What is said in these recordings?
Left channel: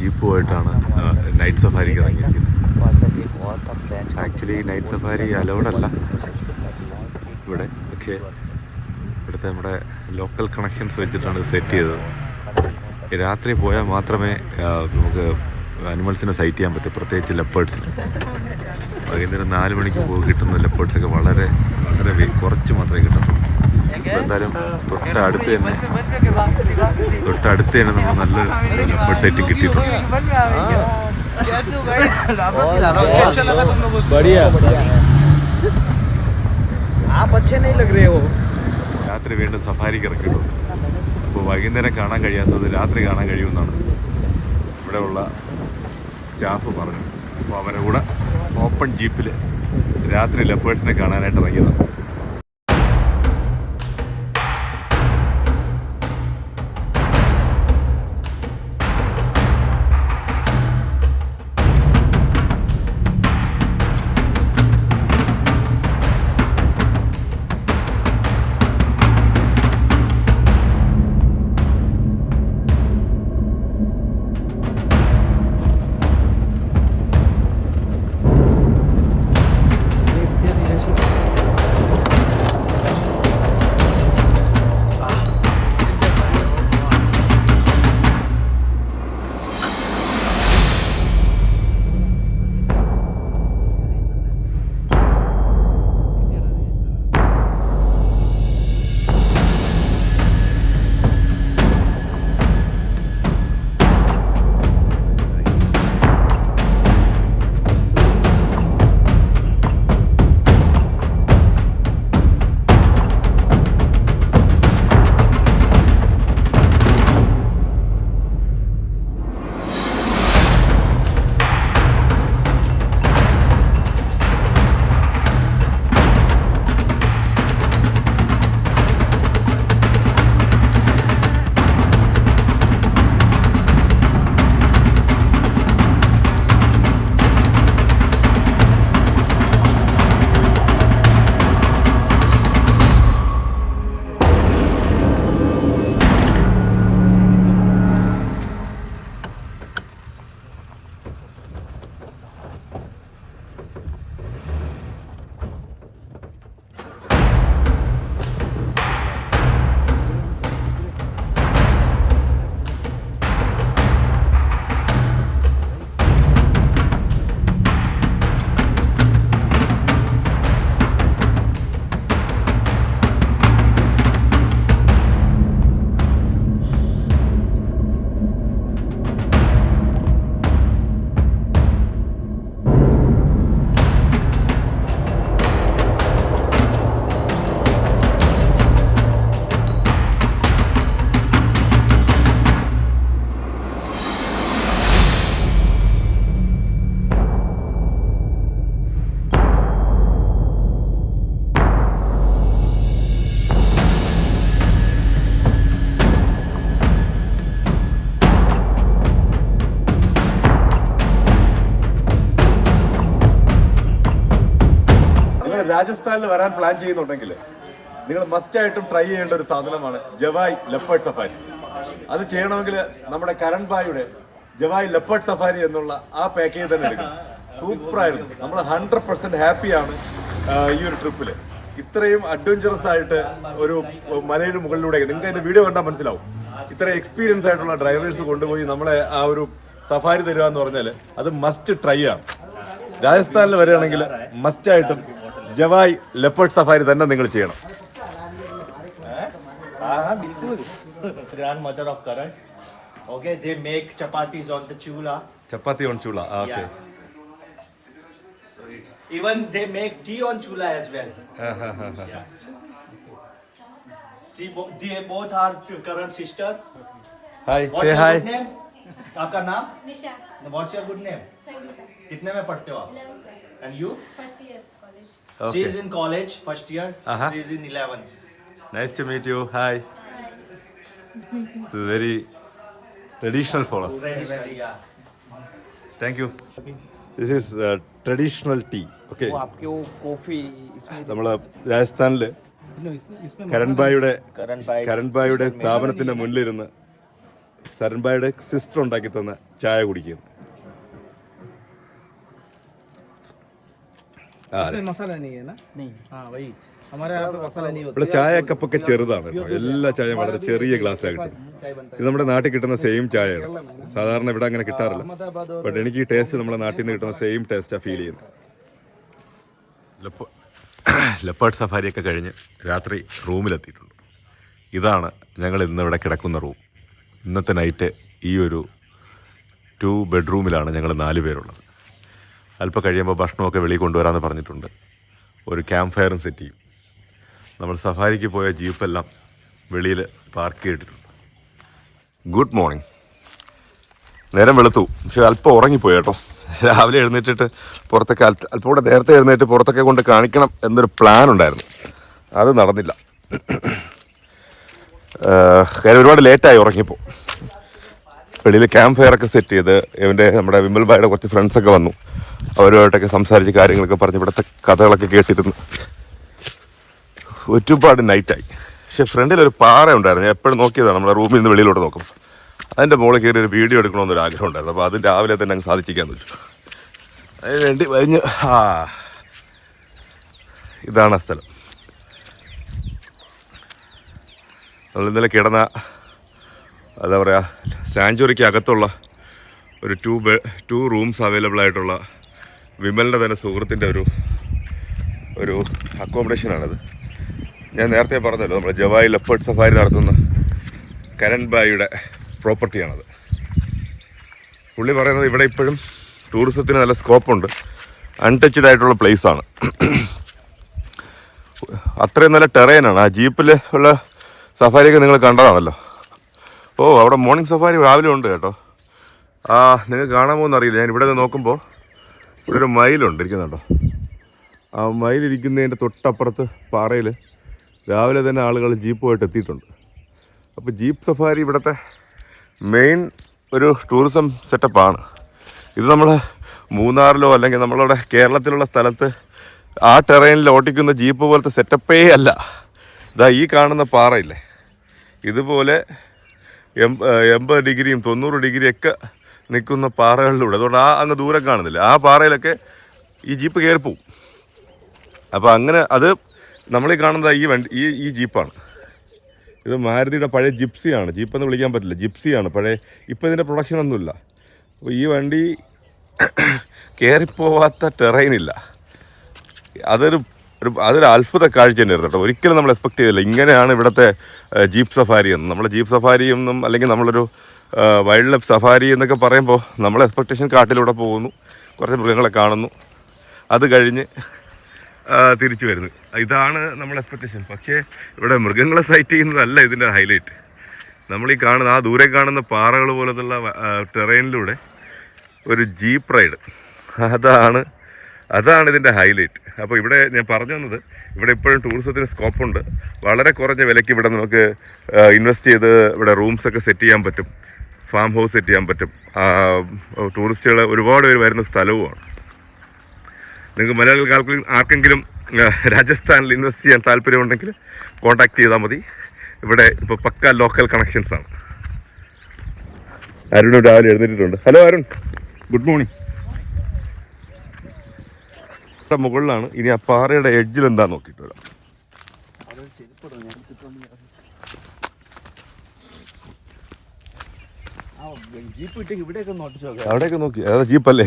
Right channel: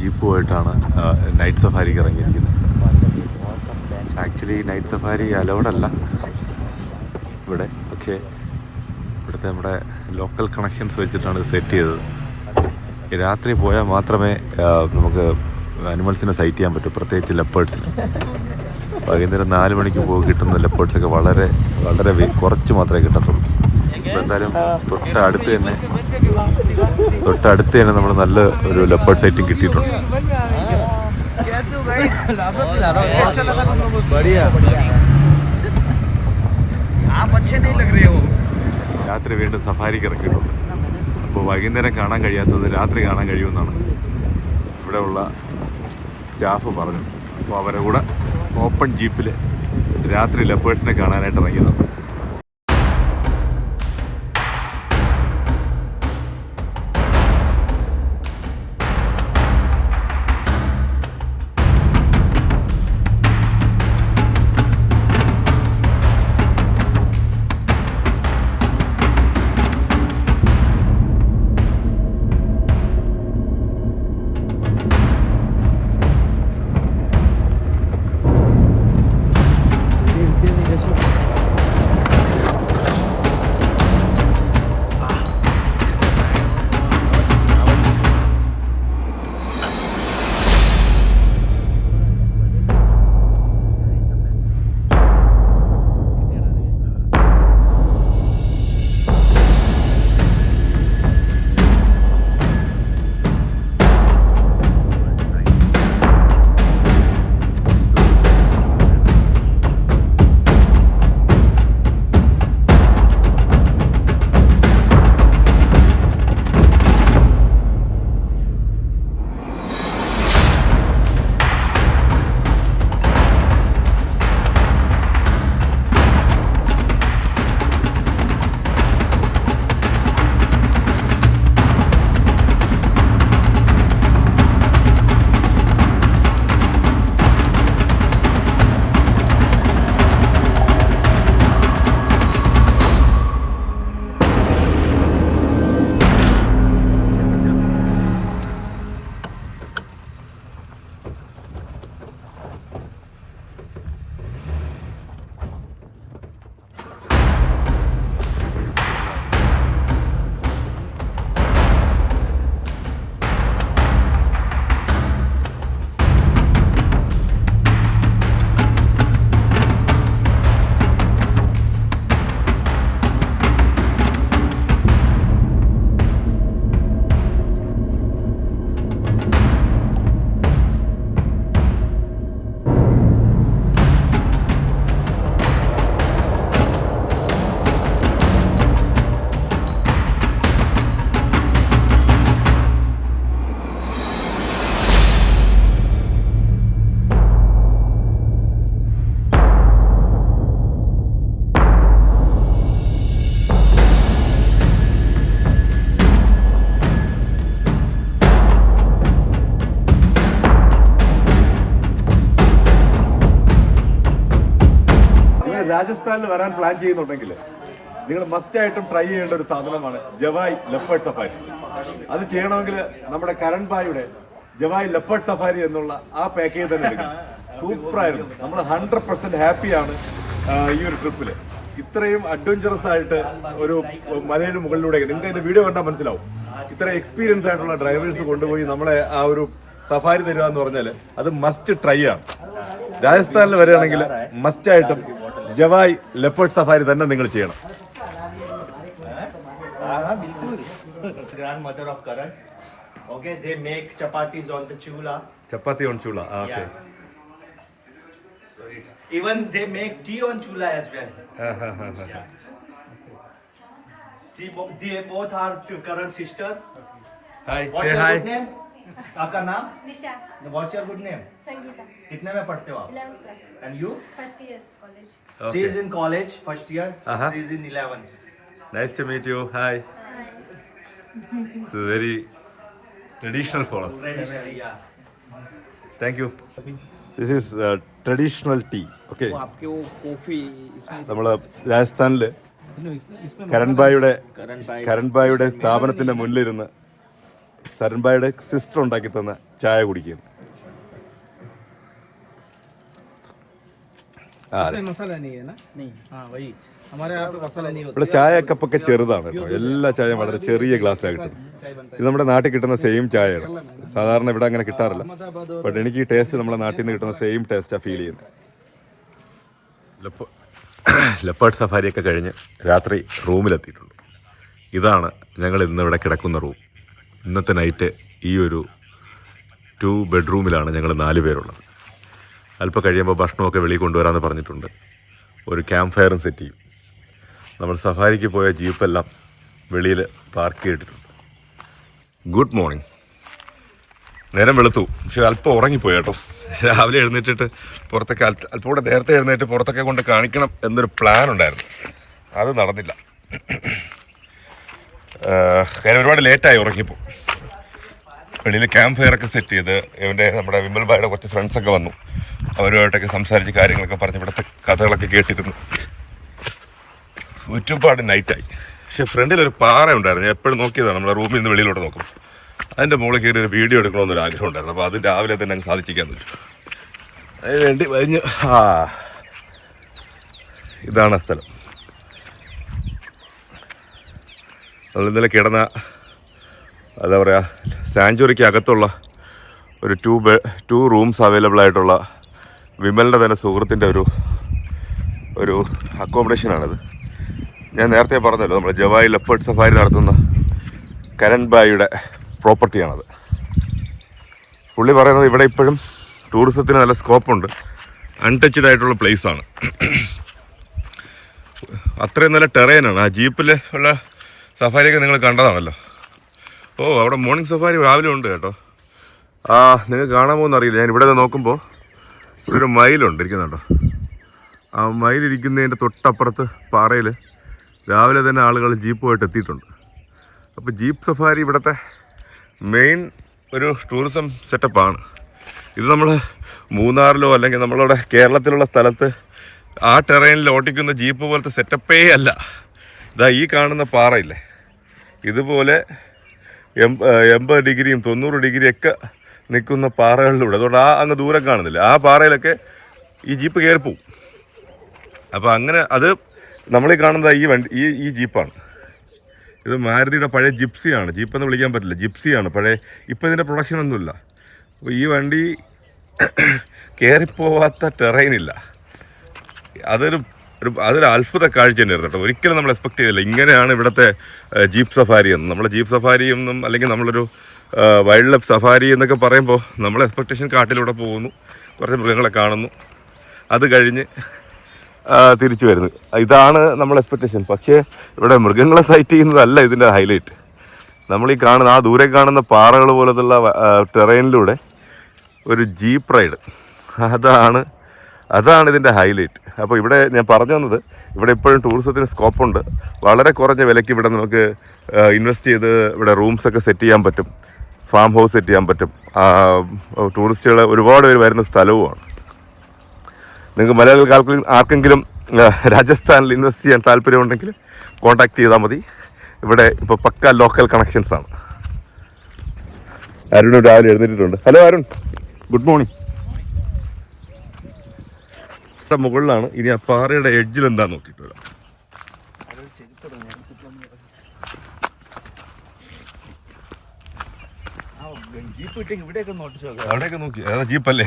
ജീപ്പുമായിട്ടാണ് night സഫാരിക്ക് ഇറങ്ങിയിരിക്കുന്നത്. Actually night safari അലൗഡല്ല ഇവിടെ, പക്ഷേ ഇവിടുത്തെ നമ്മുടെ ലോക്കൽ കണക്ഷൻസ് വെച്ചിട്ടാണ് ഇത് സെറ്റ് ചെയ്തത്. രാത്രി പോയാൽ മാത്രമേ നമുക്ക് അനിമൽസിനെ സൈറ്റ് ചെയ്യാൻ പറ്റൂ, പ്രത്യേകിച്ച് ലെപ്പേർഡ്സിന്. വൈകുന്നേരം 4 മണിക്ക് പോയി കിട്ടുന്ന ലെപ്പേർഡ്സൊക്കെ വളരെ വളരെ കുറച്ച് മാത്രമേ കിട്ടത്തുള്ളൂ. അപ്പോൾ എന്തായാലും തൊട്ടടുത്ത് തന്നെ നമ്മൾ നല്ല ഒരു ലെപ്പേർഡ് സൈറ്റിംഗ് കിട്ടിയിട്ടുണ്ട്. രാത്രി വീണ്ടും സഫാരിക്ക് ഇറക്കിയിട്ടുണ്ട്. അപ്പോൾ വൈകുന്നേരം കാണാൻ കഴിയാത്തത് രാത്രി കാണാൻ കഴിയുമെന്നാണ് ഇവിടെയുള്ള സ്റ്റാഫ് പറഞ്ഞു. അപ്പോൾ അവരെ കൂടെ ഓപ്പൺ ജീപ്പിൽ രാത്രി ലെപ്പേഴ്സിനെ കാണാനായിട്ട് ഇറങ്ങിയതാണ്. രാജസ്ഥാനിൽ വരാൻ പ്ലാൻ ചെയ്യുന്നുണ്ടെങ്കിൽ നിങ്ങൾ മസ്റ്റായിട്ടും ട്രൈ ചെയ്യേണ്ട ഒരു സാധനമാണ് ജവായ് ലെപ്പേർഡ് സഫാരി. അത് ചെയ്യണമെങ്കിൽ നമ്മുടെ കരൺ ഭായിയുടെ ജവായ് ലെപ്പേർഡ് സഫാരി എന്നുള്ള ആ പാക്കേജ് തന്നെ എടുക്കും. സൂപ്പറായിരുന്നു. നമ്മൾ 100% ഹാപ്പിയാണ് ഈ ഒരു ട്രിപ്പിൽ. ഇത്രയും അഡ്വഞ്ചറസ് ആയിട്ട് ഒരു മലയുടെ മുകളിലൂടെ നിങ്ങൾക്ക് അതിന്റെ വീഡിയോ കണ്ടാൽ മനസ്സിലാവും. ഇത്ര എക്സ്പീരിയൻസ് ആയിട്ടുള്ള ഡ്രൈവേഴ്സ് കൊണ്ടുപോയി നമ്മളെ ആ ഒരു സഫാരി തരിക എന്ന് പറഞ്ഞാൽ അത് മസ്റ്റ് ട്രൈ ആണ്. രാജസ്ഥാനിൽ വരികയാണെങ്കിൽ മസ്റ്റായിട്ടും ജവായ് ലെപ്പേർഡ് സഫാരി തന്നെ നിങ്ങൾ ചെയ്യണം. Grandmother of Karan. Okay, they make chapatis on the chula. Chapati on chula. Okay. Even they make tea on chula as well. See, they both are Karan's sister. Hi. What's Say your hi. good name? आपका नाम? निशा. What's your good name? Sangeeta. कितने में पढ़ते हो आप? 11th class. And you? First year college. She is in college, first year. She is in 11th. Nice to meet you. Hi. Hi. This is very traditional for us. Yeah. Thank you. This is traditional tea. Okay. आपके वो coffee इसमें നമ്മൾ രാജസ്ഥാനിൽ കരൺ ഭായിയുടെ സ്ഥാപനത്തിന്റെ മുന്നിലിരുന്ന് സരൺബായുടെ sister ഉണ്ടാക്കി തന്ന ചായ കുടിക്കുന്നു. ഇവിടെ ചായ കപ്പൊക്കെ ചെറുതാണ് കേട്ടോ. എല്ലാ ചായയും വളരെ ചെറിയ ഗ്ലാസ്സിലാണ് കിട്ടുന്നത്. ഇത് നമ്മുടെ നാട്ടിൽ കിട്ടുന്ന സെയിം ചായയാണ്. സാധാരണ ഇവിടെ അങ്ങനെ കിട്ടാറില്ല. ബട്ട് എനിക്ക് ഈ ടേസ്റ്റ് നമ്മുടെ നാട്ടിൽ നിന്ന് കിട്ടുന്ന സെയിം ടേസ്റ്റാണ് ഫീൽ ചെയ്യുന്നത്. ലെപ്പേർഡ് സഫാരിയൊക്കെ കഴിഞ്ഞ് രാത്രി റൂമിലെത്തിയിട്ടുണ്ട്. ഇതാണ് ഞങ്ങൾ ഇന്നിവിടെ കിടക്കുന്ന റൂം. ഇന്നത്തെ നൈറ്റ് ഈ ഒരു 2 ബെഡ്റൂമിലാണ് ഞങ്ങൾ 4 പേരുള്ളത്. അല്പം കഴിയുമ്പോൾ ഭക്ഷണമൊക്കെ വെളിയിൽ കൊണ്ടുവരാമെന്ന് പറഞ്ഞിട്ടുണ്ട്. ഒരു ക്യാമ്പ് ഫയറും സെറ്റ് ചെയ്യും. നമ്മൾ സഫാരിക്ക് പോയ ജീപ്പെല്ലാം വെളിയിൽ പാർക്ക് ചെയ്തിട്ടുണ്ട്. Good morning. നേരം വെളുത്തു, പക്ഷെ അല്പം ഉറങ്ങിപ്പോയി കേട്ടോ. രാവിലെ എഴുന്നേറ്റിട്ട് പുറത്തൊക്കെ അല്പം കൂടെ നേരത്തെ എഴുന്നേറ്റ് പുറത്തൊക്കെ കൊണ്ട് കാണിക്കണം എന്നൊരു പ്ലാൻ ഉണ്ടായിരുന്നു. അത് നടന്നില്ല. കാര്യം ഒരുപാട് ലേറ്റായി ഉറങ്ങിപ്പോൾ. വെളിയിൽ ക്യാമ്പ് ഫയറൊക്കെ സെറ്റ് ചെയ്ത് നമ്മുടെ വിമൽ ഭായിയുടെ കുറച്ച് ഫ്രണ്ട്സൊക്കെ വന്നു. അവരുമായിട്ടൊക്കെ സംസാരിച്ച് കാര്യങ്ങളൊക്കെ പറഞ്ഞ് ഇവിടുത്തെ കഥകളൊക്കെ കേട്ടിരുന്നു. ഒരുപാട് നൈറ്റായി. പക്ഷെ ഫ്രണ്ടിലൊരു പാറ ഉണ്ടായിരുന്നു. ഞാൻ എപ്പോഴും നോക്കിയതാണ് നമ്മുടെ റൂമിൽ നിന്ന് വെളിയിലോട്ട് നോക്കും. അതിൻ്റെ മുകളിൽ കയറി ഒരു വീഡിയോ എടുക്കണമെന്നൊരു ആഗ്രഹം ഉണ്ടായിരുന്നു. അപ്പോൾ അത് രാവിലെ തന്നെ അങ്ങ് സാധിച്ചിരിക്കാൻ പറ്റും. അതിന് വേണ്ടി കഴിഞ്ഞ് ഇതാണ് സ്ഥലം. നമ്മൾ ഇന്നലെ കിടന്ന എന്താ പറയുക, സാഞ്ചുറിക്ക് അകത്തുള്ള ഒരു 2 റൂംസ് അവൈലബിൾ ആയിട്ടുള്ള വിമലിൻ്റെ തന്നെ സുഹൃത്തിൻ്റെ ഒരു അക്കോമഡേഷനാണിത്. ഞാൻ നേരത്തെ പറഞ്ഞല്ലോ, നമ്മൾ ജവായ് ലെപ്പേർഡ് സഫാരി നടത്തുന്ന കരൺ ഭായിയുടെ പ്രോപ്പർട്ടിയാണത്. പുള്ളി പറയുന്നത് ഇവിടെ ഇപ്പോഴും ടൂറിസത്തിന് നല്ല സ്കോപ്പുണ്ട്, അൺടച്ച്ഡ് ആയിട്ടുള്ള പ്ലേസാണ്. അത്രയും നല്ല ടെറൈനാണ്. ആ ജീപ്പിൽ ഉള്ള സഫാരിയൊക്കെ നിങ്ങൾ കണ്ടതാണല്ലോ. അവിടെ മോർണിംഗ് സഫാരി രാവിലെ ഉണ്ട് കേട്ടോ. നിങ്ങൾക്ക് കാണാമോ എന്നറിയില്ല. ഞാൻ ഇവിടെ നിന്ന് നോക്കുമ്പോൾ ഇവിടെ ഒരു മയിലുണ്ട് ഇരിക്കുന്നുണ്ടോ. ആ മയിലിരിക്കുന്നതിൻ്റെ തൊട്ടപ്പുറത്ത് പാറയിൽ രാവിലെ തന്നെ ആളുകൾ ജീപ്പുമായിട്ട് എത്തിയിട്ടുണ്ട്. അപ്പോൾ ജീപ്പ് സഫാരി ഇവിടുത്തെ മെയിൻ ഒരു ടൂറിസം സെറ്റപ്പാണ്. ഇത് നമ്മൾ മൂന്നാറിലോ അല്ലെങ്കിൽ നമ്മളുടെ കേരളത്തിലുള്ള സ്ഥലത്ത് ആ ടെറൈനിൽ ഓട്ടിക്കുന്ന ജീപ്പ് പോലത്തെ സെറ്റപ്പേ അല്ല. ഇതാ ഈ കാണുന്ന പാറയില്ലേ, ഇതുപോലെ 80 ഡിഗ്രിയും 90 ഡിഗ്രിയൊക്കെ നിൽക്കുന്ന പാറകളിലൂടെ. അതുകൊണ്ട് അങ്ങ് ദൂരം കാണുന്നില്ല, ആ പാറയിലൊക്കെ ഈ ജീപ്പ് കയറിപ്പോവും. അപ്പോൾ അങ്ങനെ അത് നമ്മളീ കാണുന്നത് ഈ ജീപ്പാണ്. ഇത് മാരുതിയുടെ പഴയ ജിപ്സിയാണ്. ജീപ്പെന്ന് വിളിക്കാൻ പറ്റില്ല, ജിപ്സിയാണ് പഴയ. ഇപ്പോൾ ഇതിൻ്റെ പ്രൊഡക്ഷനൊന്നുമില്ല. അപ്പോൾ ഈ വണ്ടി കയറിപ്പോവാത്ത ടെറൈനില്ല. അതൊരു അത്ഭുത കാഴ്ച തന്നെയായിരുന്നു കേട്ടോ. ഒരിക്കലും നമ്മൾ എക്സ്പെക്ട് ചെയ്തില്ല ഇങ്ങനെയാണ് ഇവിടുത്തെ ജീപ്പ് സഫാരി എന്ന്. നമ്മൾ ജീപ്പ് സഫാരി എന്നും അല്ലെങ്കിൽ നമ്മളൊരു വൈൽഡ് ലൈഫ് സഫാരി എന്നൊക്കെ പറയുമ്പോൾ നമ്മൾ എക്സ്പെക്റ്റേഷൻ കാട്ടിലൂടെ പോകുന്നു, കുറച്ച് മൃഗങ്ങളെ കാണുന്നു, അത് കഴിഞ്ഞ് തിരിച്ചു വരുന്നു. ഇതാണ് നമ്മൾ എക്സ്പെക്റ്റേഷൻ. പക്ഷേ ഇവിടെ മൃഗങ്ങളെ സൈറ്റ് ചെയ്യുന്നതല്ല ഇതിൻ്റെ ഹൈലൈറ്റ്. നമ്മളീ കാണുന്ന ദൂരെ കാണുന്ന പാറകൾ പോലത്തുള്ള ടെറൈനിലൂടെ ഒരു ജീപ്പ് റൈഡ്, അതാണ് ഇതിൻ്റെ ഹൈലൈറ്റ്. അപ്പോൾ ഇവിടെ ഞാൻ പറഞ്ഞു വന്നത്, ഇവിടെ ഇപ്പോഴും ടൂറിസത്തിന് സ്കോപ്പുണ്ട്. വളരെ കുറഞ്ഞ വിലയ്ക്ക് ഇവിടെ നമുക്ക് ഇൻവെസ്റ്റ് ചെയ്ത് ഇവിടെ റൂംസൊക്കെ സെറ്റ് ചെയ്യാൻ പറ്റും, ഫാം ഹൗസ് സെറ്റ് ചെയ്യാൻ പറ്റും. ടൂറിസ്റ്റുകൾ ഒരുപാട് പേര് വരുന്ന സ്ഥലവുമാണ്. നിങ്ങൾക്ക് മലയാളികൾക്ക് ആർക്കെങ്കിലും രാജസ്ഥാനിൽ ഇൻവെസ്റ്റ് ചെയ്യാൻ താല്പര്യമുണ്ടെങ്കിൽ കോൺടാക്ട് ചെയ്താൽ മതി. ഇവിടെ ഇപ്പോൾ പക്ക ലോക്കൽ കണക്ഷൻസാണ്. അരുൺ രാവിലെ എഴുന്നേറ്റിട്ടുണ്ട്. Hello Arun, good morning. മുകളിലാണ്. ഇനി ആ പാറയുടെ എഡ്ജിൽ എന്താ നോക്കിയിട്ട് വരാം. അവിടെയൊക്കെ നോക്കി, അതാ ജീപ്പല്ലേ?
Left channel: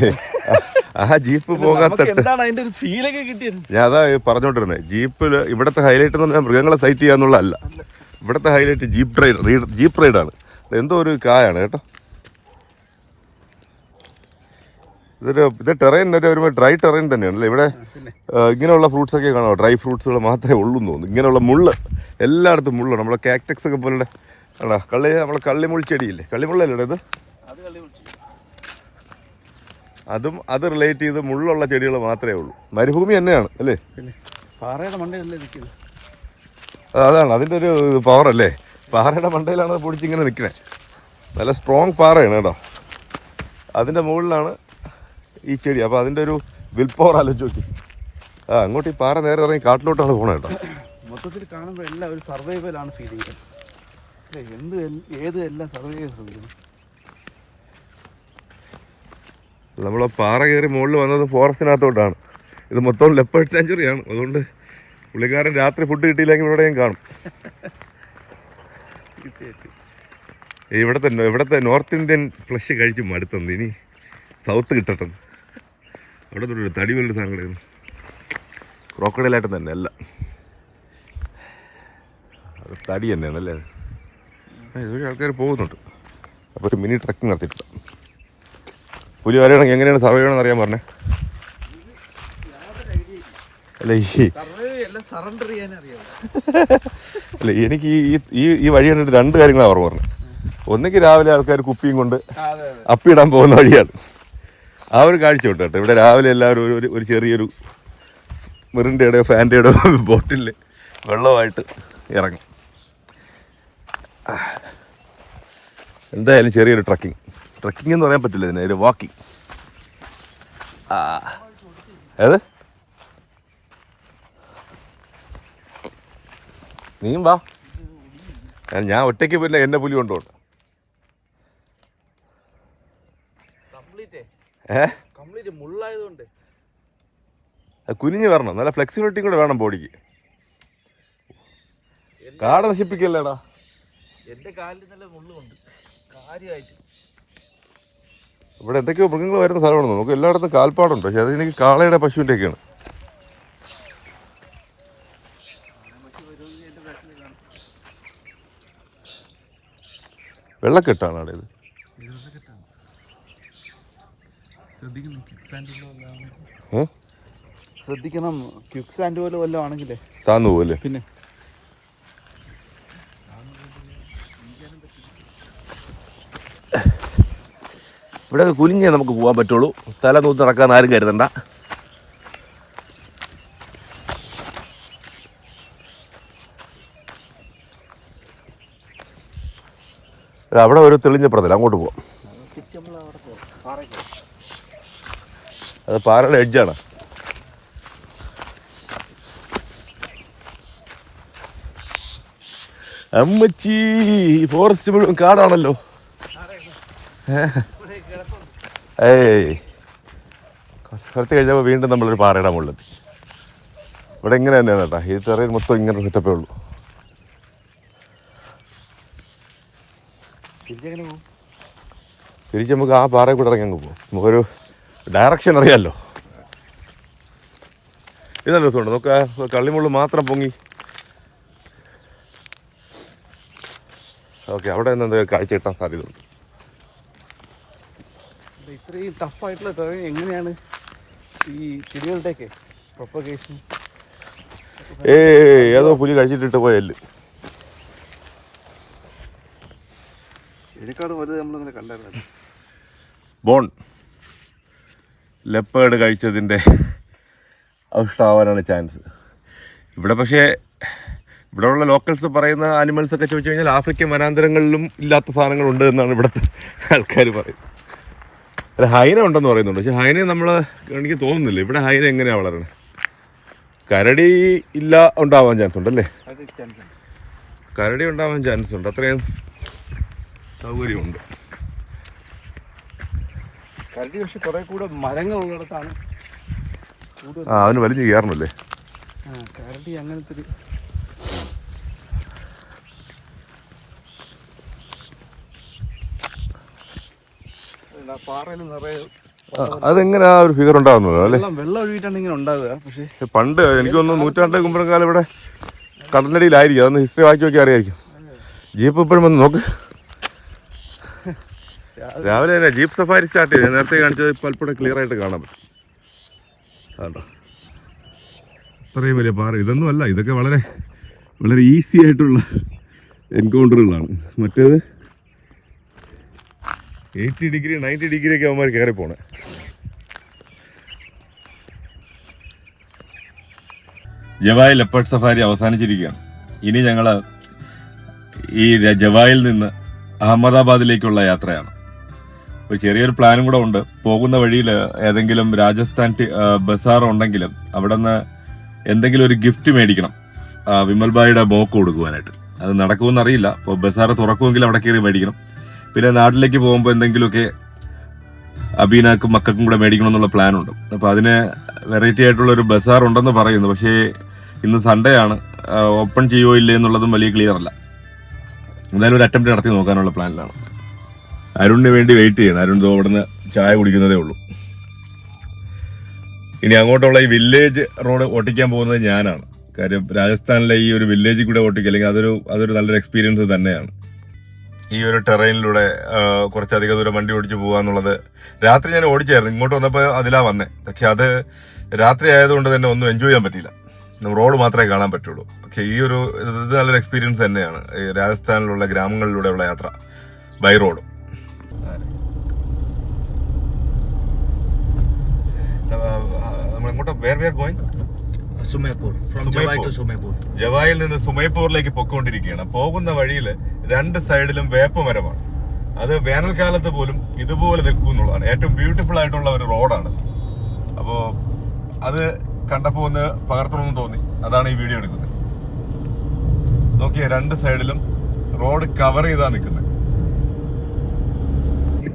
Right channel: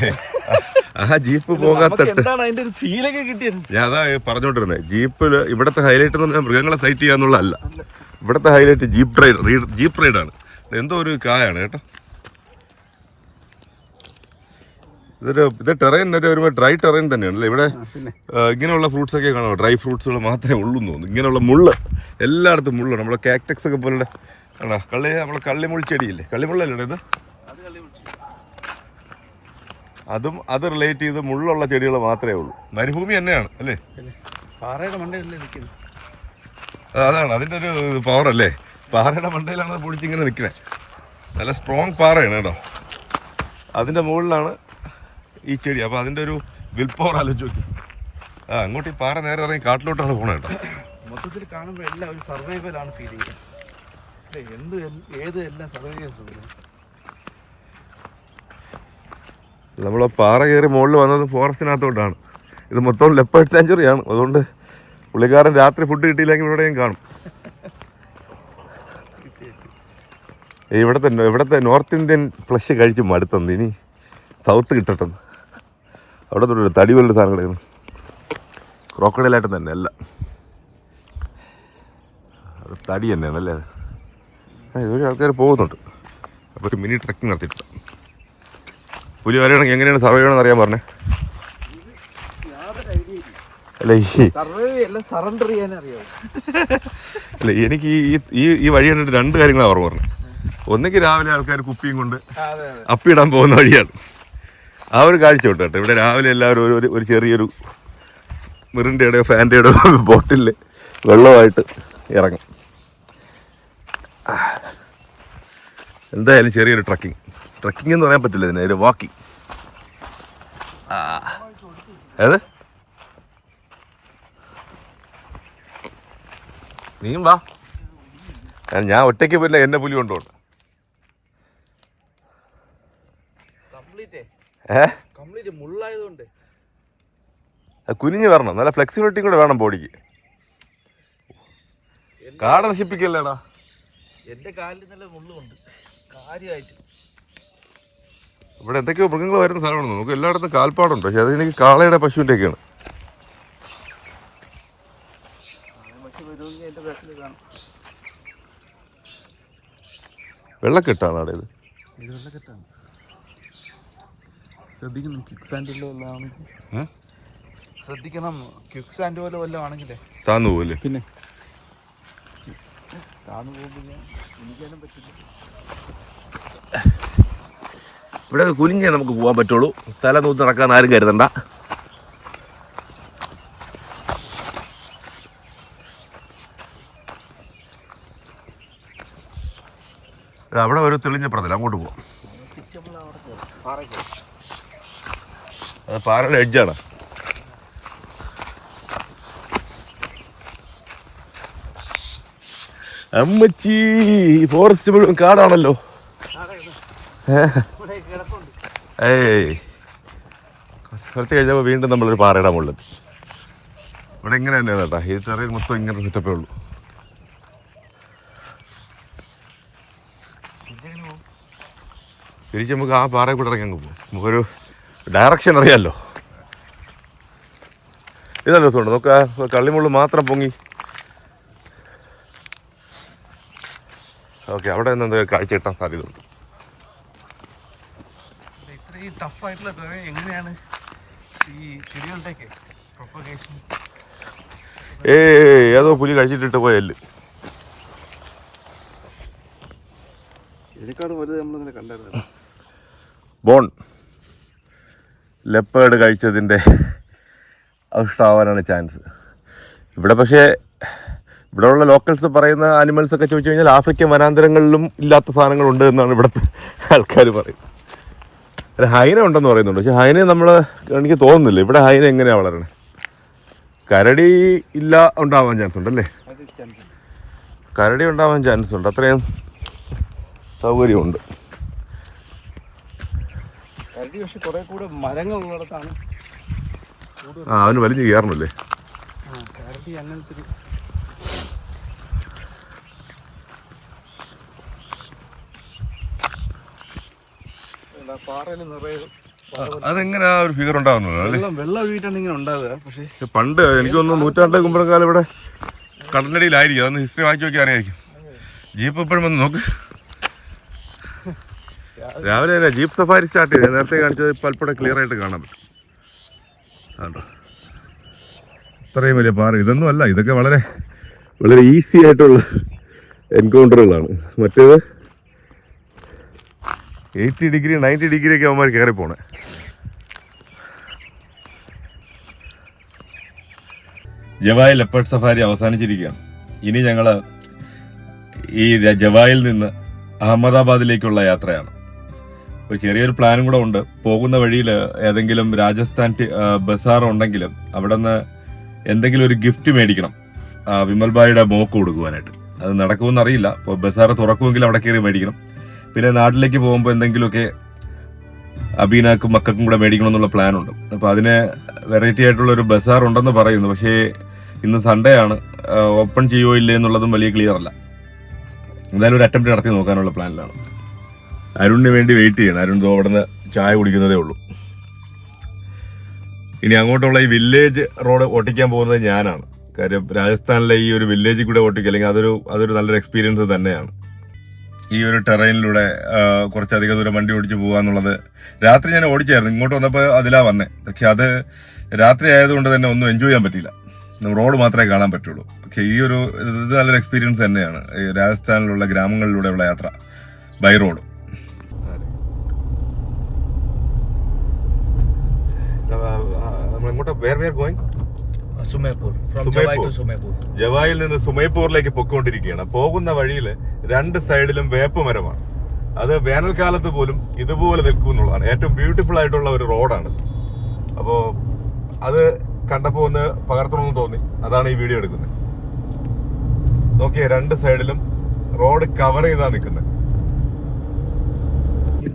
ആ ജീപ്പ് പോകാത്തിട്ട് ഞാൻ അതാ പറഞ്ഞോണ്ടിരുന്നത്. ജീപ്പിൽ ഇവിടുത്തെ ഹൈലൈറ്റ് എന്ന് പറഞ്ഞാൽ മൃഗങ്ങളെ സൈറ്റ് ചെയ്യാന്നുള്ളതല്ല. ഇവിടുത്തെ ഹൈലൈറ്റ് ജീപ്പ് റൈഡാണ്. എന്തോ ഒരു കായാണ് കേട്ടോ. ഇത് ടെറൈൻ ഒരു ഡ്രൈ ടെറൈൻ തന്നെയാണല്ലേ. ഇവിടെ ഇങ്ങനെയുള്ള ഫ്രൂട്ട്സൊക്കെ കാണാം, ഡ്രൈ ഫ്രൂട്ട്സുകൾ മാത്രമേ ഉള്ളൂ എന്ന് തോന്നുന്നു. ഇങ്ങനെയുള്ള മുള്ള് എല്ലായിടത്തും മുള്ള്. നമ്മളെ കാക്ടക്സ് ഒക്കെ പോലെ നമ്മളെ കള്ളിമുൾച്ചെടിയില്ലേ, കള്ളിമുള്ളല്ലേ ഇത്? അത് റിലേറ്റ് ചെയ്ത് മുള്ളുള്ള ചെടികൾ മാത്രമേ ഉള്ളൂ. മരുഭൂമി തന്നെയാണ് അല്ലേ? അതാണ് അതിൻ്റെ ഒരു പവർ അല്ലേ. പാറയുടെ മണ്ടയിലാണ് അത് പൊടിച്ചിങ്ങനെ നിൽക്കണേ. നല്ല സ്ട്രോങ് പാറയാണ് കേട്ടോ. അതിൻ്റെ മുകളിലാണ് ഈ ചെടി. അപ്പോൾ അതിൻ്റെ ഒരു വിൽ പവർ ആലോചിച്ച് നോക്കി. അങ്ങോട്ട് ഈ പാറ നേരെ ഇറങ്ങി കാട്ടിലോട്ടാണ് പോകണത് കേട്ടോ. മൊത്തത്തിൽ കാണുമ്പോൾ എല്ലാം ഒരു സർവൈവലാണ് ഫീലിംഗ്. ഏത് എല്ലാ സർവൈവൽ നമ്മൾ പാറ കയറി മുകളിൽ വന്നത് ഫോറസ്റ്റിനകത്തോട്ടാണ്. ഇത് മൊത്തം ലെപ്പേർഡ് സാഞ്ചുറിയാണ്. അതുകൊണ്ട് പുള്ളിക്കാരൻ രാത്രി ഫുഡ് കിട്ടിയില്ലെങ്കിൽ ഇവിടെയും കാണും. ഇവിടുത്തെ നോർത്ത് ഇന്ത്യൻ ഫ്ലഷ് കഴിച്ച് മടുത്തന്ന്. ഇനി സൗത്ത് കിട്ടട്ടെന്ന്. അവിടെ തൊട്ടൊരു തടി പോലൊരു സാധനം കിടക്കുന്നു. ക്രോക്കഡൈലായിട്ട് തന്നെ അല്ല, അത് തടി തന്നെയാണ് അല്ലേ. ഇതൊരു ആൾക്കാർ പോകുന്നുണ്ട്. അപ്പോൾ ഒരു മിനി ട്രക്കിംഗ് നടത്തിയിട്ടുണ്ട്. പുലി വരെയാണെങ്കിൽ എങ്ങനെയാണ് സർവൈവ് ചെയ്യണമെന്ന് അറിയാൻ പറഞ്ഞേ. അല്ല അല്ല എനിക്ക് ഈ വഴി കണ്ടിട്ട് 2 കാര്യങ്ങളാണ് ഓർമ്മ പറഞ്ഞത്. ഒന്നെങ്കിൽ രാവിലെ ആൾക്കാർ കുപ്പിയും കൊണ്ട് അപ്പിയിടാൻ പോകുന്ന വഴിയാണ്. ആ ഒരു കാഴ്ച ഉണ്ട് കേട്ടോ. ഇവിടെ രാവിലെ എല്ലാവരും ഒരു ചെറിയൊരു മിറിൻ്റെയോ ഫാൻ്റെയോ ബോട്ടിൽ വെള്ളമായിട്ട് ഇറങ്ങും. എന്തായാലും ചെറിയൊരു ട്രക്കിംഗ് എന്ന് പറയാൻ പറ്റില്ല ഇതിന്, ഒരു വാക്കിംഗ്. ഏത് നീയും വാ. ഞാൻ ഒറ്റയ്ക്ക് പിന്നെ എന്നെ പുലി കൊണ്ടുപോകണം. കുനിഞ്ഞ് വരണം, നല്ല ഫ്ലെക്സിബിലിറ്റി കൂടെ വേണം ബോഡിക്ക്. കാട നശിപ്പിക്കല്ലേടാ. എന്റെ കാലിൽ നല്ല മുള്ളുണ്ട് കാര്യമായിട്ട്. ഇവിടെ എന്തൊക്കെയോ മൃഗങ്ങൾ വരുന്ന സ്ഥലമാണ്. നമുക്ക് എല്ലായിടത്തും കാൽപ്പാടുണ്ട്. പക്ഷെ അതെനിക്ക് കാളയുടെ പശുവിൻ്റെ ഒക്കെയാണ്. വെള്ളക്കെട്ടാണ് അവിടെ. ഇത് വെള്ളക്കെട്ടാണ്. ശ്രദ്ധിക്കണം, ക്വിക്ക് സാൻഡ് ശ്രദ്ധിക്കണം. ക്വിക്ക് സാൻഡ് പോലെ വല്ലതും ആണെങ്കിലേ താന്നു പോകല്ലേ. പിന്നെ ഇവിടെ കുനിഞ്ഞേ നമുക്ക് പോകാൻ പറ്റുള്ളൂ. തല നൂത്ത് നടക്കാൻ ആരും കരുതണ്ട. അവിടെ ഒരു തെളിഞ്ഞ പ്രതലം, അങ്ങോട്ട് പോവാം. അത് പാറയുടെ എഡ്ജാണ്. അമ്മച്ചി, ഫോറസ്റ്റ് മുഴുവൻ കാടാണല്ലോ. കുറച്ച് കഴിഞ്ഞപ്പോൾ വീണ്ടും നമ്മളൊരു പാറയുടെ മുകളിലെത്തി. ഇവിടെ ഇങ്ങനെ തന്നെയാണ് കേട്ടോ. ഈ തെറയിൽ മൊത്തം ഇങ്ങനെ സെറ്റപ്പേ ഉള്ളൂ. തിരിച്ച് നമുക്ക് ആ പാറയിൽ കൂടെ ഇറങ്ങി അങ്ങ് പോകും. നമുക്കൊരു ഡയറക്ഷൻ അറിയാമല്ലോ. ഇതല്ല രസമുണ്ട്. നമുക്ക് കള്ളിമുള്ളു മാത്രം പൊങ്ങി. ഓക്കെ, അവിടെ നിന്ന് എന്തെങ്കിലും കാഴ്ച കിട്ടാൻ സാധ്യതയുണ്ട്. ഇത്രയും ടഫായിട്ടുള്ള ടെറൈൻ എങ്ങനെയാണ് ഈ ചെടികളുടെയൊക്കെ പ്രൊപ്പഗേഷൻ? ഏതോ പുലി കഴിച്ചിട്ടിട്ട് പോയല്ലേ. ഇതിനേക്കാളും വലുത് നമ്മൾ കണ്ടായിരുന്നു. ബോൺ ലെപ്പേർഡ് കഴിച്ചതിൻ്റെ അവഷ്ടാവാനാണ് ചാൻസ്. ഇവിടെ പക്ഷേ ഇവിടെയുള്ള ലോക്കൽസ് പറയുന്ന ആനിമൽസൊക്കെ ചോദിച്ചു കഴിഞ്ഞാൽ ആഫ്രിക്കൻ വനാന്തരങ്ങളിലും ഇല്ലാത്ത സാധനങ്ങളുണ്ട് എന്നാണ് ഇവിടുത്തെ ആൾക്കാർ പറയുന്നത്. അല്ല, ഹൈന ഉണ്ടെന്ന് പറയുന്നുണ്ട്. പക്ഷെ ഹൈന എനിക്ക് തോന്നുന്നില്ല. ഇവിടെ ഹൈന എങ്ങനെയാണ് വളരണേ? കരടി ഉണ്ടാവാൻ ചാൻസ് ഉണ്ടല്ലേ? കരടി ഉണ്ടാവാൻ ചാൻസ് ഉണ്ട്. അത്രയും സൗകര്യമുണ്ട്. കരടി പക്ഷെ കുറെ കൂടെ മരങ്ങളുള്ളിടത്താണ്. അവന് വലിഞ്ഞ് കയറണല്ലേ. കരടി അങ്ങനത്തെ പാറയിൽ നിറയെ അതെങ്ങനെ ആ ഒരു ഫിഗർ ഉണ്ടാകുന്നത് അല്ലേ? വെള്ളം ഒഴുകിയിട്ടാണ് ഇങ്ങനെ ഉണ്ടാവുക. പക്ഷേ പണ്ട് എനിക്ക് തോന്നുന്നു നൂറ്റാണ്ട് കുമ്പളം കാലം ഇവിടെ കടലടിയിലായിരിക്കും. അതൊന്ന് ഹിസ്റ്ററി വായിച്ചു നോക്കി അറിയായിരിക്കും. ജീപ്പ് ഇപ്പോഴും വന്ന് നോക്ക്. രാവിലെ തന്നെ ജീപ്പ് സഫാരി സ്റ്റാർട്ട് ചെയ്ത് നേരത്തെ കാണിച്ചത് ഇപ്പോൾ അല്പം ക്ലിയർ ആയിട്ട് കാണാൻ പറ്റും. കേട്ടോ, അത്രയും വലിയ പാറ ഇതൊന്നും അല്ല. ഇതൊക്കെ വളരെ വളരെ ഈസി ആയിട്ടുള്ള എൻകൗണ്ടറുകളാണ്. മറ്റേത് 80 ഡിഗ്രി 90 ഡിഗ്രി ഒക്കെ അവന്മാർ കയറി പോണേ. ജവായ് ലെപ്പേർഡ് സഫാരി അവസാനിച്ചിരിക്കുകയാണ്. ഇനി ഞങ്ങൾ ഈ ജവായിൽ നിന്ന് അഹമ്മദാബാദിലേക്കുള്ള യാത്രയാണ്. ഒരു ചെറിയൊരു പ്ലാനും കൂടെ ഉണ്ട്. പോകുന്ന വഴിയിൽ ഏതെങ്കിലും രാജസ്ഥാൻ ബസാർ ഉണ്ടെങ്കിലും അവിടെ നിന്ന് എന്തെങ്കിലും ഒരു ഗിഫ്റ്റ് മേടിക്കണം വിമൽ ഭായിയുടെ മോക്ക് കൊടുക്കുവാനായിട്ട്. അത് നടക്കുമെന്ന് അറിയില്ല. ഇപ്പോൾ ബസാർ തുറക്കുമെങ്കിൽ അവിടെ കയറി മേടിക്കണം. പിന്നെ നാട്ടിലേക്ക് പോകുമ്പോൾ എന്തെങ്കിലുമൊക്കെ അബീനാക്കും മക്കൾക്കും കൂടെ മേടിക്കണമെന്നുള്ള പ്ലാനുണ്ട്. അപ്പോൾ അതിന് വെറൈറ്റി ആയിട്ടുള്ള ഒരു ബസാർ ഉണ്ടെന്ന് പറയുന്നു. പക്ഷേ ഇന്ന് സൺഡേ ആണ്, ഓപ്പൺ ചെയ്യുമോ ഇല്ലേ എന്നുള്ളതും വലിയ ക്ലിയർ അല്ല. എന്തായാലും ഒരു അറ്റംപ്റ്റ് നടത്തി നോക്കാനുള്ള പ്ലാനിലാണ്. അരുണിന് വേണ്ടി വെയിറ്റ് ചെയ്യണം. അരുൺ അവിടെ നിന്ന് ചായ കുടിക്കുന്നതേ ഉള്ളൂ. ഇനി അങ്ങോട്ടുള്ള ഈ വില്ലേജ് റോഡ് ഓട്ടിക്കാൻ പോകുന്നത് ഞാനാണ്. കാര്യം രാജസ്ഥാനിലെ ഈ ഒരു വില്ലേജിൽ കൂടെ ഓട്ടിക്കുക, അല്ലെങ്കിൽ അതൊരു നല്ലൊരു എക്സ്പീരിയൻസ് തന്നെയാണ്. ഈ ഒരു ടെറൈനിലൂടെ കുറച്ചധികം ദൂരം വണ്ടി ഓടിച്ച് പോകുക എന്നുള്ളത്. രാത്രി ഞാൻ ഓടിച്ചായിരുന്നു, ഇങ്ങോട്ട് വന്നപ്പോൾ അതിലാ വന്നേ. പക്ഷെ അത് രാത്രി ആയതുകൊണ്ട് തന്നെ ഒന്നും എൻജോയ് ചെയ്യാൻ പറ്റിയില്ല. റോഡ് മാത്രമേ കാണാൻ പറ്റുള്ളൂ. പക്ഷെ ഇത് നല്ലൊരു എക്സ്പീരിയൻസ് തന്നെയാണ്. ഈ രാജസ്ഥാനിലുള്ള ഗ്രാമങ്ങളിലൂടെയുള്ള യാത്ര ബൈ റോഡ്. ജവായിൽ നിന്ന് സുമേപൂറിലേക്ക് പൊക്കോണ്ടിരിക്കുകയാണ്. പോകുന്ന വഴിയിൽ രണ്ട് സൈഡിലും വേപ്പ മരമാണ്. അത് വേനൽക്കാലത്ത് പോലും ഇതുപോലെ നിൽക്കും എന്നുള്ളതാണ്. ഏറ്റവും ബ്യൂട്ടിഫുൾ ആയിട്ടുള്ള ഒരു റോഡാണ്. അപ്പോൾ അത് കണ്ടപ്പോൾ ഒന്ന് പകർത്തണമെന്ന് തോന്നി, അതാണ് ഈ വീഡിയോ എടുക്കുന്നത്. നോക്കിയേ, രണ്ട് സൈഡിലും റോഡ് കവർ ചെയ്താ നിൽക്കുന്നത്.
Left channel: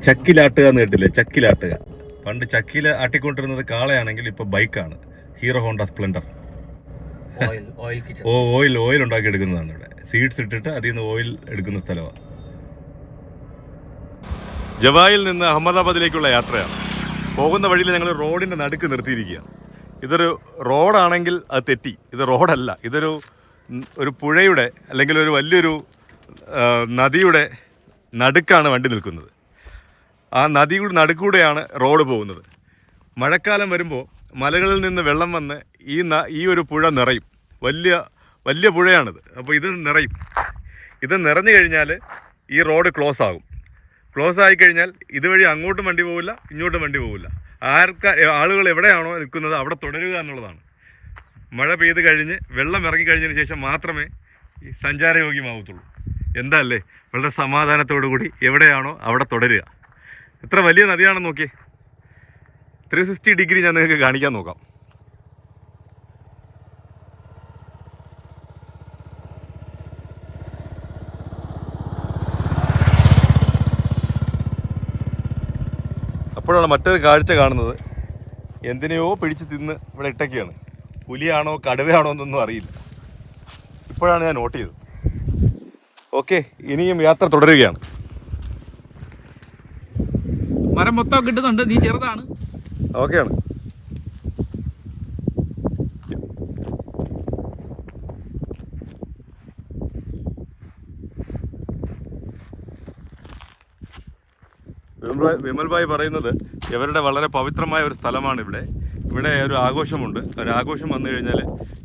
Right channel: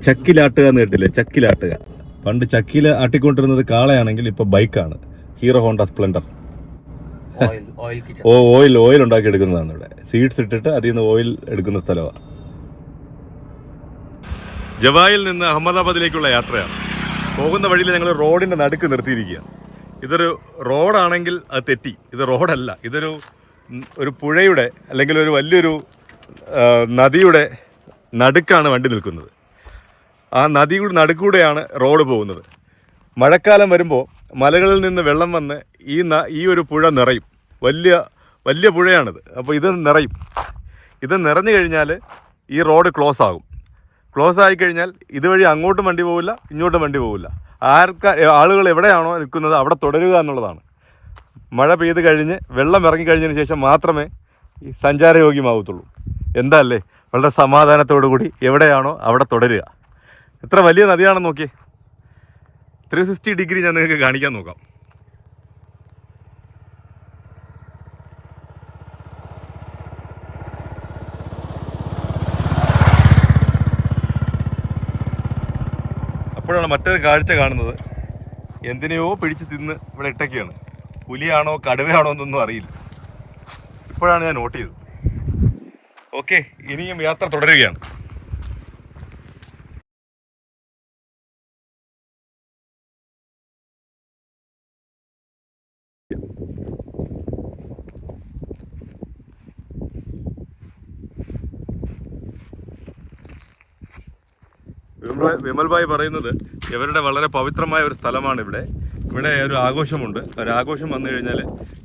ചക്കിലാട്ടുക എന്ന് കേട്ടില്ലേ? ചക്കിലാട്ടുക. പണ്ട് ചക്കിയിൽ ആട്ടിക്കൊണ്ടിരുന്നത് കാളയാണെങ്കിൽ ഇപ്പൊ ബൈക്കാണ്. Hero Honda Splendor. ഓയിൽ ഉണ്ടാക്കി എടുക്കുന്നതാണ്. ഇവിടെ സീഡ്സ് ഇട്ടിട്ട് അതിൽ നിന്ന് ഓയിൽ എടുക്കുന്ന സ്ഥലമാണ്. ജവായിൽ നിന്ന് അഹമ്മദാബാദിലേക്കുള്ള യാത്രയാണ്. പോകുന്ന വഴിയിൽ ഞങ്ങൾ റോഡിന്റെ നടുക്ക് നിർത്തിയിരിക്കുകയാണ്. ഇതൊരു റോഡാണെങ്കിൽ അത് തെറ്റി. ഇത് റോഡല്ല, ഇതൊരു പുഴയുടെ അല്ലെങ്കിൽ ഒരു വലിയൊരു നദിയുടെ നടുക്കാണ് വണ്ടി നിൽക്കുന്നത്. ആ നദിയുടെ നടുക്കൂടെയാണ് റോഡ് പോകുന്നത്. മഴക്കാലം വരുമ്പോൾ മലകളിൽ നിന്ന് വെള്ളം വന്ന് ഈ ഒരു പുഴ നിറയും. വലിയ പുഴയാണിത്. അപ്പോൾ ഇത് നിറയും. ഇത് നിറഞ്ഞു കഴിഞ്ഞാൽ ഈ റോഡ് ക്ലോസ് ആകും. ക്ലോസ് ആയിക്കഴിഞ്ഞാൽ ഇതുവഴി അങ്ങോട്ടും വണ്ടി പോവില്ല, ഇങ്ങോട്ടും വണ്ടി പോവില്ല. ആളുകൾ എവിടെയാണോ നിൽക്കുന്നത് അവിടെ തുടരുക എന്നുള്ളതാണ്. മഴ പെയ്ത് കഴിഞ്ഞ് വെള്ളം ഇറങ്ങിക്കഴിഞ്ഞതിന് ശേഷം മാത്രമേ ഈ സഞ്ചാരയോഗ്യമാകത്തുള്ളൂ. എന്താ അല്ലേ? വളരെ സമാധാനത്തോടു കൂടി എവിടെയാണോ അവിടെ തുടരുക. എത്ര വലിയ നദിയാണെന്ന് നോക്കിയേ. 360 ഡിഗ്രി ഞാൻ നിങ്ങൾക്ക് കാണിക്കാൻ നോക്കാം. അപ്പോഴാണ് മറ്റൊരു കാഴ്ച കാണുന്നത്. എന്തിനെയോ പിടിച്ച് തിന്ന് ഇവിടെ ഇട്ടൊക്കെയാണ്. പുലിയാണോ കടുവയാണോ എന്നൊന്നും അറിയില്ല. ഇപ്പോഴാണ് ഞാൻ നോട്ട് ചെയ്തത്. ഓക്കെ, ഇനിയും യാത്ര തുടരുകയാണ്. മരം മൊത്തം കിട്ടുന്നുണ്ട്, നീ ചെറുതാണ്. ഓക്കെയാണ്. വിമൽ ഭായ് പറയുന്നത് ഇവരുടെ വളരെ പവിത്രമായ ഒരു സ്ഥലമാണ് ഇവിടെ. ഇവിടെ ഒരു ആഘോഷമുണ്ട്. ഒരു ആഘോഷം വന്നു കഴിഞ്ഞാൽ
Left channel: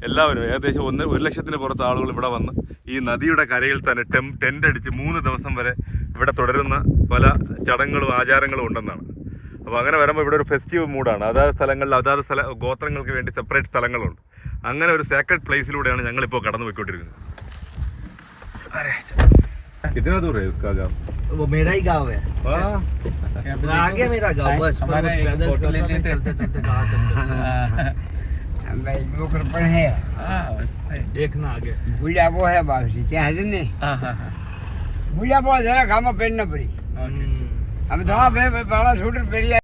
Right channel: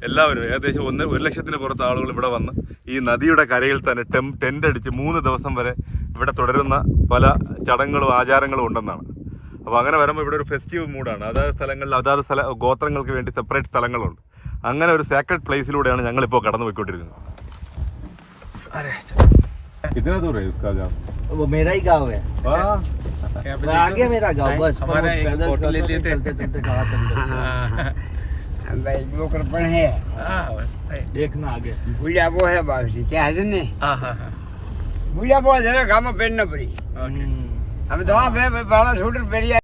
എല്ലാവരും ഏകദേശം 1 ലക്ഷത്തിന് പുറത്ത് ആളുകൾ ഇവിടെ വന്ന് ഈ നദിയുടെ കരയിൽ തന്നെ ടെൻ്റ് അടിച്ച് 3 ദിവസം വരെ ഇവിടെ തുടരുന്ന പല ചടങ്ങുകളും ആചാരങ്ങളും ഉണ്ടെന്നാണ്. അപ്പോൾ അങ്ങനെ വരുമ്പോൾ ഇവിടെ ഒരു ഫെസ്റ്റീവ് മൂഡാണ്. അതാത് സ്ഥലങ്ങളിൽ ഗോത്രങ്ങൾക്ക് വേണ്ടി സെപ്പറേറ്റ് സ്ഥലങ്ങളുണ്ട്. അങ്ങനെ ഒരു സേക്രഡ് പ്ലേസിലൂടെയാണ് ഞങ്ങളിപ്പോൾ കടന്നു പോയിക്കൊണ്ടിരിക്കുന്നത്. कितना दूर है उसका गाँव? वो मेरा ही गांव है। आगे मेरा गांव, बस हमारा एक फोटो ले लेते हैं। है देखना आगे बुढ़िया वो है बाबू क्या है सुनने बुढ़िया वो जरा काम पेड़ न पड़ी हम दवा पे बड़ा छोटे पेड़िया